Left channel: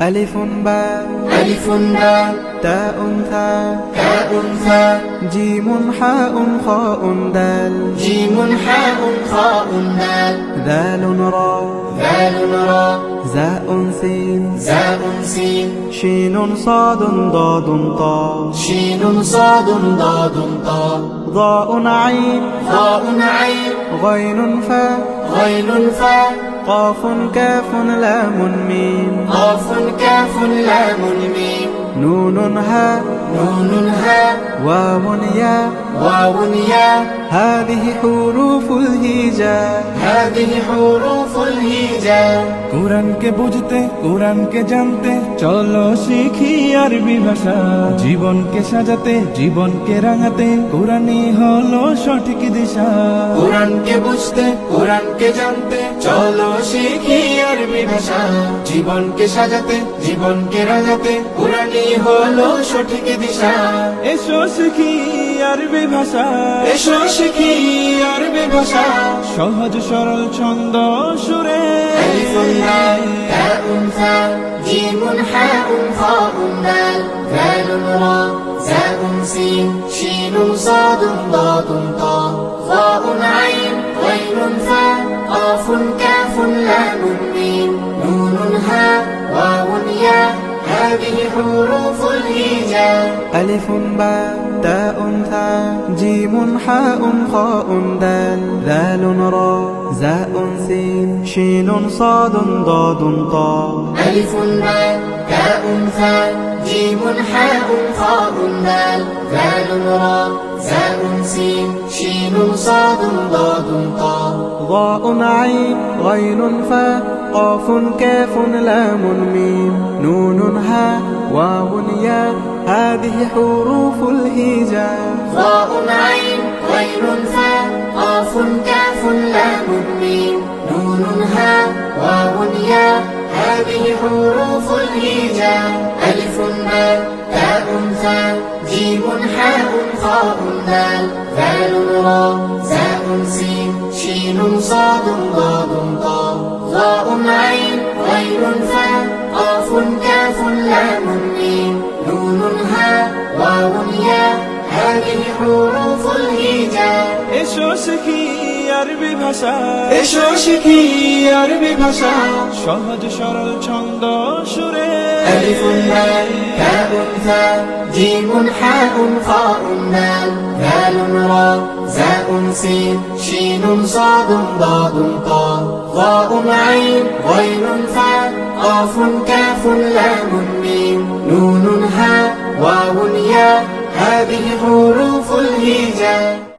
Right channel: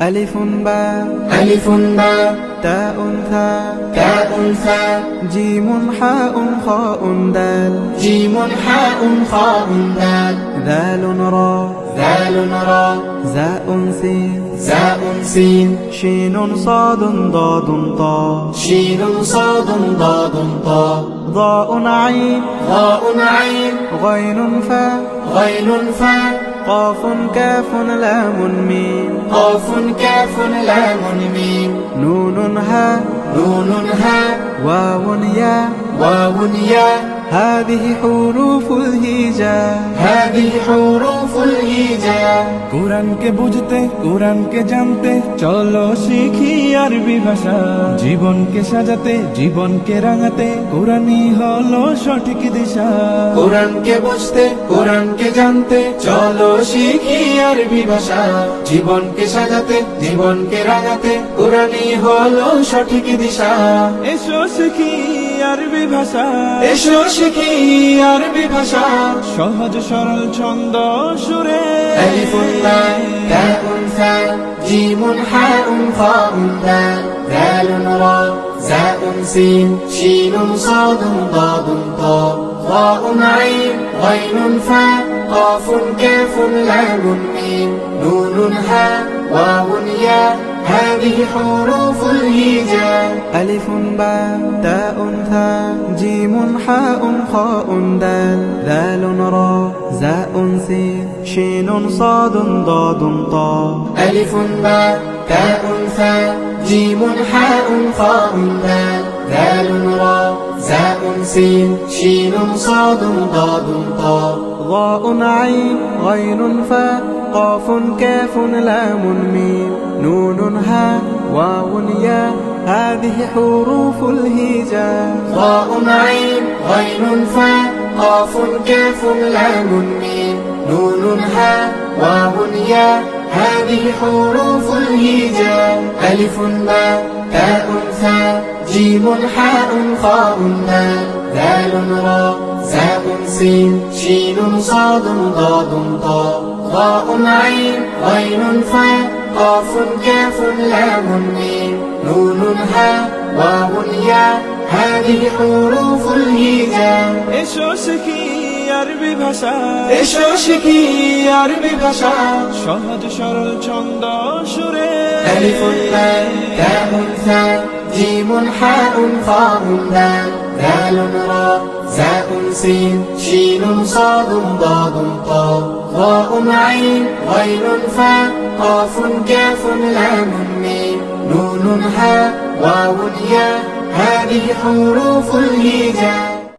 ألف باء ألف باء تاء ثاء تاء ثاء جيم حاء خاء دال جيم حاء خاء دال ذال راء ذال راء زاء سين زاء سين شين صاد ضاد طاء شين صاد ضاد طاء ضاء عين ضاء عين غين فاء غين فاء قاف كاف لام ميم قاف كاف لام ميم نون هاء نون هاء واو ياء واو ياء هذه حروف الهجاء هذه حروف الهجاء কোরআনকে বুঝতে কোরআনকে জানতে চলো শিখি আরবি ভাষা জীবনকে সাজাতে জীবনকে রাঙাতে কোরআনই হলো সঠিক দিশা কোরআনকে বুঝতে কোরআনকে জানতে চলো শিখি আরবি ভাষা জীবনকে সাজাতে জীবনকে রাঙাতে কোরআনই হলো সঠিক দিশা এসো শিখি আরবি ভাষা এসো শিখি আরবি ভাষা সহজ সরল ছন্দ সুরে ألف باء تاء ثاء جيم حاء خاء دال ذال راء زاء سين شين صاد ضاد طاء ضاء عين غين فاء قاف كاف لام ميم نون هاء واو ياء هذه حروف الهجاء ألف باء تاء ثاء جيم حاء خاء دال ذال راء زاء سين شين صاد ضاد طاء ألف باء تاء ثاء جيم حاء خاء دال ذال راء زاء سين شين صاد ضاد طاء ضاء عين غين فاء قاف كاف لام ميم نون هاء واو ياء هذه حروف الهجاء ضاء عين غين فاء قاف كاف لام ميم نون هاء واو ياء هذه حروف الهجاء ألف باء تاء ثاء جيم حاء خاء دال ذال راء زاء سين شين صاد ضاد طاء ضاء عين غين فاء قاف كاف لام ميم نون هاء واو ياء هذه حروف الهجاء এসো শিখি আরবি ভাষা এসো শিখি আরবি ভাষা সহজ সরল ছন্দ সুরে ألف باء تاء ثاء جيم حاء خاء دال ذال راء زاء سين شين صاد ضاد طاء ضاء عين غين فاء قاف كاف لام ميم نون هاء واو ياء هذه حروف الهجاء